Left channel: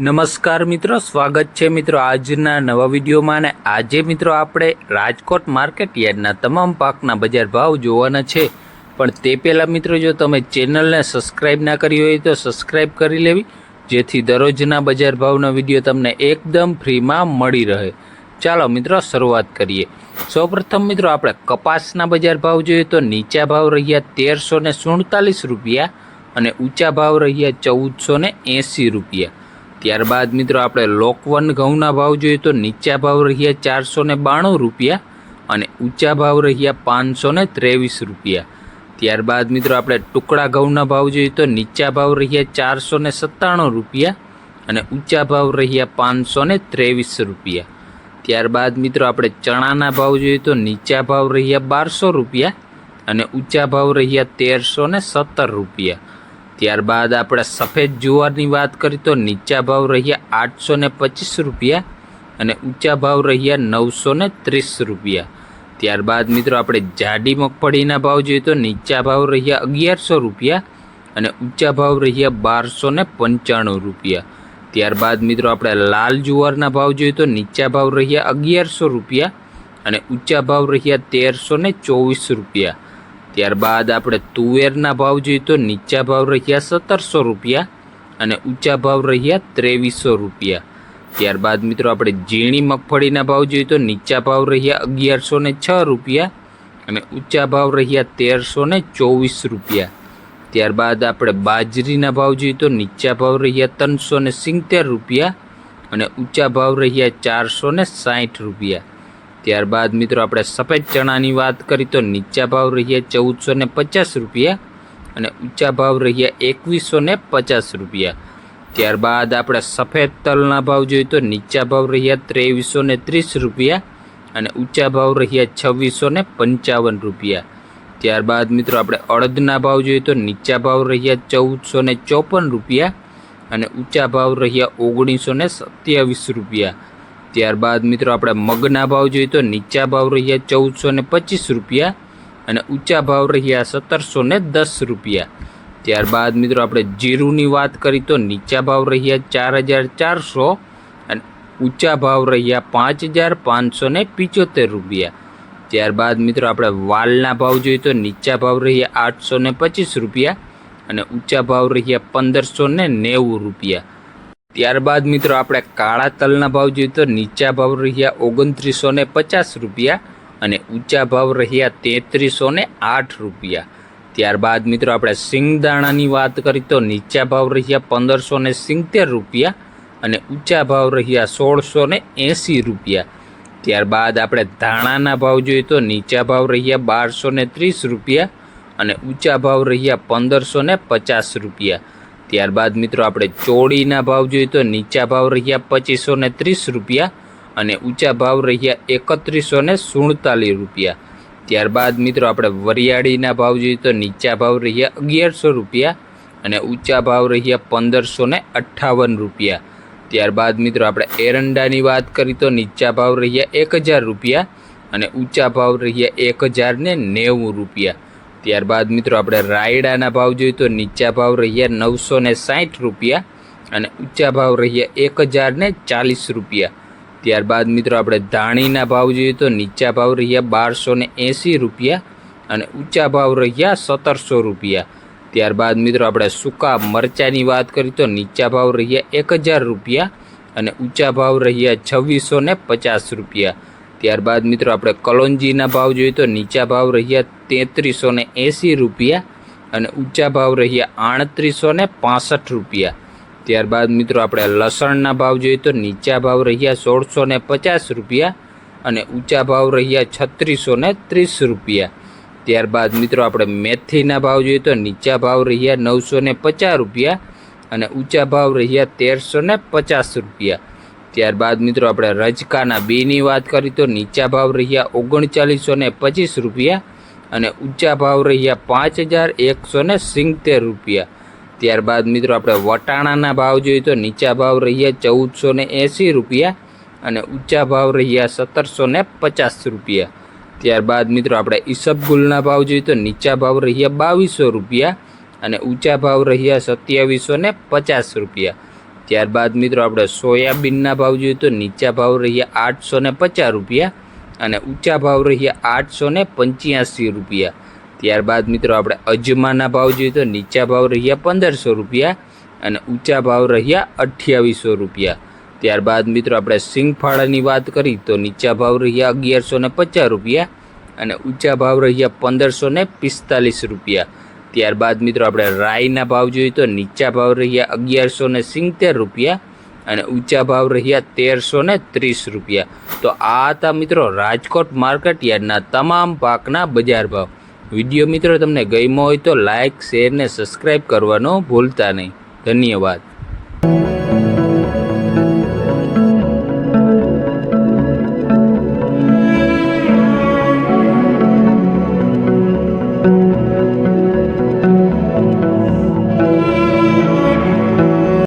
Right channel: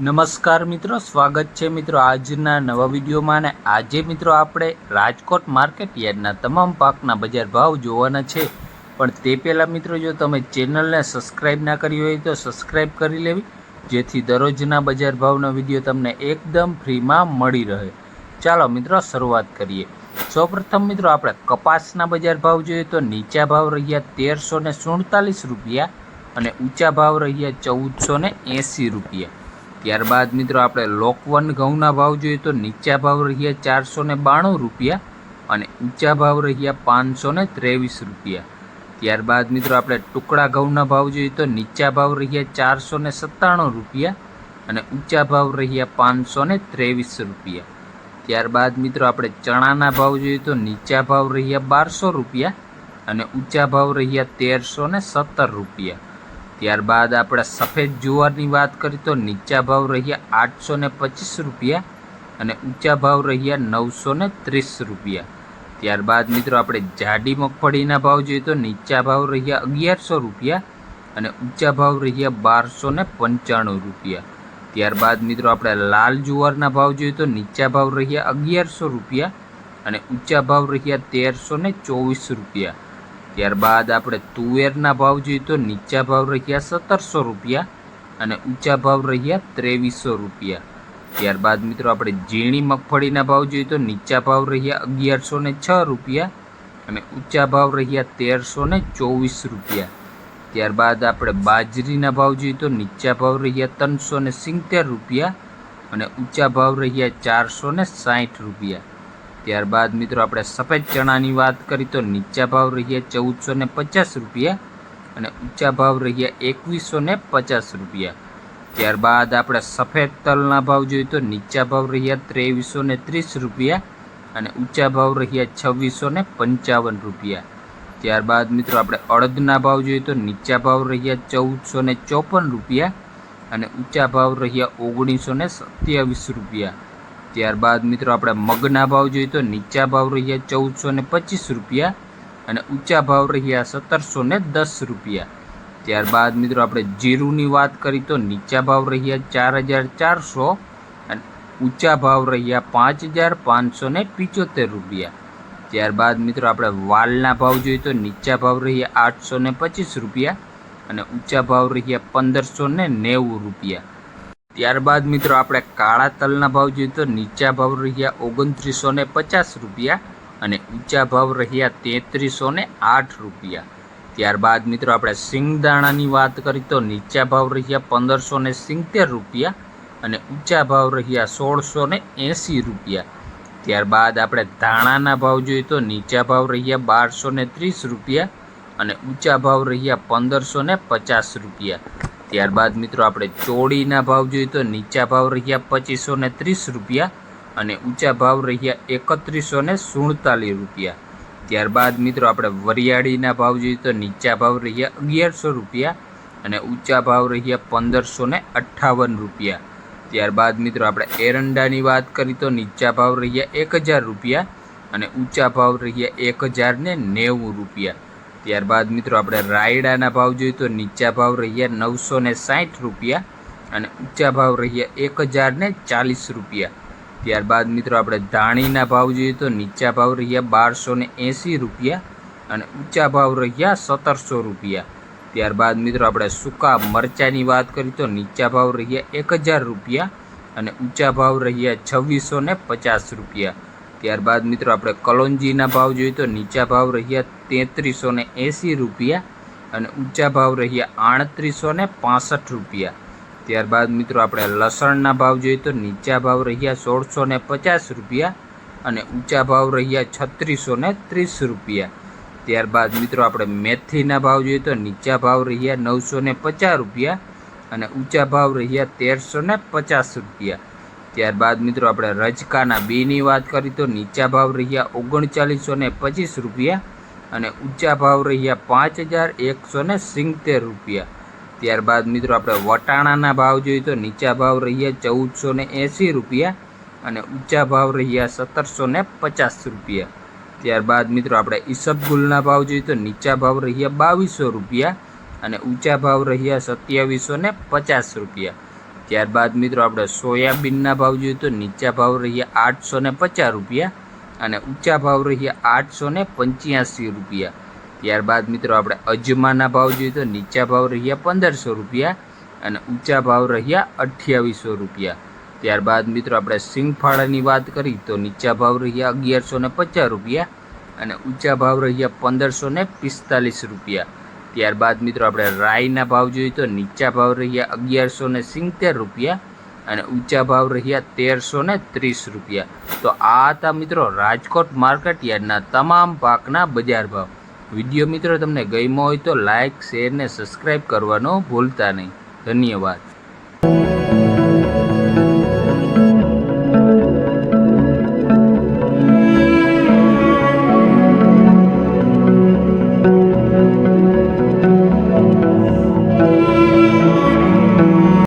નમસ્કાર મિત્રો, સ્વાગત છે મિત્રો આજના નવા વિડીયોમાં. અને આજે મિત્રો આપણે રાજકોટ માર્કેટ યાર્ડના તમામ પાકના બજાર ભાવ જોવાના છે. પણ તે પહેલાં મિત્રો, જો તમે ચેનલને સબસ્ક્રાઈબ ના કરી હોય તો સબસ્ક્રાઈબ કરી લેવી, જેથી દરરોજના બજાર ભાવના વિડીયો તમને એકદમ ફ્રીમાં મળી રહે. ચાલો મિત્રો શરૂઆત કરીએ. સૌપ્રથમ મિત્રો આપણે કપાસના બજાર ભાવ જોઈએ તો નીચા ભાવ રહ્યા 1347 રૂપિયા અને ઊંચા ભાવ રહ્યા 1480 રૂપિયા. ત્યારબાદ મિત્રો આપણે લોકવન ઘઉંના ભાવ જોઈએ તો નીચા ભાવ રહ્યા 492 રૂપિયા અને ઊંચા ભાવ રહ્યા 523 રૂપિયા. ત્યારબાદ મિત્રો આપણે ટુકડા ઘઉંના ભાવ જોઈએ તો નીચા ભાવ રહ્યા 497 રૂપિયા અને ઊંચા ભાવ રહ્યા 523 રૂપિયા. ત્યારબાદ મિત્રો આપણે ચણાના ભાવ જોઈએ તો નીચા ભાવ રહ્યા 1200 રૂપિયા અને ઊંચા ભાવ રહ્યા 1317 રૂપિયા. ત્યારબાદ આપણે સફેદ જુવારની વાત કરીએ તો નીચા ભાવ રહ્યા 825 રૂપિયા અને ઊંચા ભાવ રહ્યા 930 રૂપિયા. ત્યારબાદ મિત્રો આપણે જાડી મગફળીના ભાવ જોઈએ તો નીચા ભાવ રહ્યા 1100 રૂપિયા અને ઊંચા ભાવ રહ્યા 1295 રૂપિયા. ત્યારબાદ મિત્રો આપણે લાલ જુવારના ભાવ જોઈએ તો નીચા ભાવ રહ્યા 1100 રૂપિયા અને ઊંચા ભાવ રહ્યા 1324 રૂપિયા. ત્યારબાદ આપણે તુવેરના ભાવ જોઈએ તો નીચા ભાવ રહ્યા 1700 રૂપિયા અને ઊંચા ભાવ રહ્યા 2300 રૂપિયા. ત્યારબાદ મિત્રો આપણે ઝીણી મગફળીના ભાવ જોઈએ તો નીચા ભાવ રહ્યા 1106 રૂપિયા અને ઊંચા ભાવ રહ્યા 1324 રૂપિયા. ત્યારબાદ આપણે બાજરીના ભાવ જોઈએ તો નીચા ભાવ રહ્યા 370 રૂપિયા અને ઊંચા ભાવ રહ્યા 460 રૂપિયા. ત્યારબાદ મિત્રો આપણે સફેદ ચણાની વાત કરીએ તો નીચા ભાવ રહ્યા 1450 રૂપિયા અને ઊંચા ભાવ રહ્યા 2150 રૂપિયા. ત્યારબાદ આપણે સફેદ તલના ભાવ જોઈએ તો નીચા ભાવ રહ્યા 2330 રૂપિયા અને ઊંચા ભાવ રહ્યા 2655 રૂપિયા. ત્યારબાદ મિત્રો આપણે અડદના ભાવ જોઈએ તો નીચા ભાવ રહ્યા 1454 રૂપિયા અને ઊંચા ભાવ રહ્યા 1927 રૂપિયા. ત્યારબાદ મિત્રો આપણે મગના ભાવ જોઈએ તો નીચા ભાવ રહ્યા 1425 રૂપિયા અને ઊંચા ભાવ રહ્યા 1710 રૂપિયા. ત્યારબાદ મિત્રો આપણે જીરુની વાત કરીએ તો નીચા ભાવ રહ્યા 4400 અને ઊંચા ભાવ રહ્યા 5575 રૂપિયા. ત્યારબાદ મિત્રો આપણે વાલના ભાવ જોઈએ તો નીચા ભાવ રહ્યા 825 રૂપિયા અને ઊંચા ભાવ રહ્યા 1590 રૂપિયા. ત્યારબાદ મિત્રો આપણે કાળા તલના ભાવ જોઈએ તો નીચા ભાવ રહ્યા 2950 રૂપિયા અને ઊંચા ભાવ રહ્યા 3308 રૂપિયા. ત્યારબાદ મિત્રો આપણે સિંગદાણાની વાત કરીએ તો નીચા ભાવ રહ્યા 1570 રૂપિયા અને ઊંચા ભાવ રહ્યા 1680 રૂપિયા. ત્યારબાદ આપણે ધાણાના ભાવ જોઈએ તો નીચા ભાવ રહ્યા 1230 રૂપિયા અને ઊંચા ભાવ રહ્યા 1550 રૂપિયા. ત્યારબાદ મિત્રો આપણે ચોળીના ભાવ જોઈએ તો નીચા ભાવ રહ્યા 2530 રૂપિયા અને ઊંચા ભાવ રહ્યા 3147 રૂપિયા. ત્યારબાદ મિત્રો આપણે વરિયાળીના ભાવ જોઈએ તો નીચા ભાવ રહ્યા 1100 રૂપિયા અને ઊંચા ભાવ રહ્યા 1558 રૂપિયા. ત્યારબાદ મિત્રો આપણે એરંડાની વાત કરીએ તો નીચા ભાવ રહ્યા 1000 રૂપિયા અને ઊંચા ભાવ રહ્યા 1090 રૂપિયા. ત્યારબાદ મિત્રો આપણે રાયડાના ભાવ જોઈએ તો નીચા ભાવ રહ્યા 960 રૂપિયા અને ઊંચા ભાવ રહ્યા 1040 રૂપિયા. ત્યારબાદ મિત્રો આપણે ધાણીના ભાવ જોઈએ તો નીચા ભાવ રહ્યા 1280 રૂપિયા અને ઊંચા ભાવ રહ્યા 1700 રૂપિયા. ત્યારબાદ મિત્રો આપણે સૂકા મરચાંની વાત કરીએ તો નીચા ભાવ રહ્યા 1000 રૂપિયા અને ઊંચા ભાવ રહ્યા 2650 રૂપિયા. ત્યારબાદ મિત્રો આપણે કલોંજીના ભાવ જોઈએ તો નીચા ભાવ રહ્યા 3380 રૂપિયા અને ઊંચા ભાવ રહ્યા 3865 રૂપિયા. ત્યારબાદ મિત્રો આપણે લસણના ભાવ જોઈએ તો નીચા ભાવ રહ્યા 1650 રૂપિયા અને ઊંચા ભાવ રહ્યા 3630 રૂપિયા. ત્યારબાદ મિત્રો આપણે મેથીના ભાવ જોઈએ તો નીચા ભાવ રહ્યા 950 રૂપિયા અને ઊંચા ભાવ રહ્યા 1350 રૂપિયા. ત્યારબાદ મિત્રો આપણે રજકાના બીની વાત કરીએ તો નીચા ભાવ રહ્યા 3925 રૂપિયા અને ઊંચા ભાવ રહ્યા 5170 રૂપિયા. ત્યારબાદ મિત્રો આપણે વટાણાના ભાવ જોઈએ તો નીચા ભાવ રહ્યા 1480 રૂપિયા અને ઊંચા ભાવ રહ્યા 1750 રૂપિયા. ત્યારબાદ મિત્રો આપણે ઈસબગુલના ભાવ જોઈએ તો નીચા ભાવ રહ્યા 2200 રૂપિયા અને ઊંચા ભાવ રહ્યા 2750 રૂપિયા. ત્યારબાદ મિત્રો આપણે સોયાબીનના ભાવ જોઈએ તો નીચા ભાવ રહ્યા 850 રૂપિયા અને ઊંચા ભાવ રહ્યા 885 રૂપિયા। ત્યારબાદ મિત્રો આપણે અજમાના ભાવ જોઈએ તો નીચા ભાવ રહ્યા 1500 રૂપિયા અને ઊંચા ભાવ રહ્યા 2800 રૂપિયા। ત્યારબાદ મિત્રો આપણે સિંગફાળાની વાત કરી તો નીચા ભાવ રહ્યા 1150 રૂપિયા અને ઊંચા ભાવ રહ્યા 1545 રૂપિયા। ત્યારબાદ મિત્રો આપણે રાઈના ભાવ જોઈએ તો નીચા ભાવ રહ્યા 1170 રૂપિયા અને ઊંચા ભાવ રહ્યા 1330 રૂપિયા। તો આ હતા મિત્રો રાજકોટ માર્કેટ યાર્ડના તમામ પાકના બજાર ભાવ। વિડીયો મિત્રો તમને ગમ્યો હોય તો લાઇક, શેર ને સબસ્ક્રાઈબ કરવાનો ભૂલતા નહીં। ધન્યવાદ।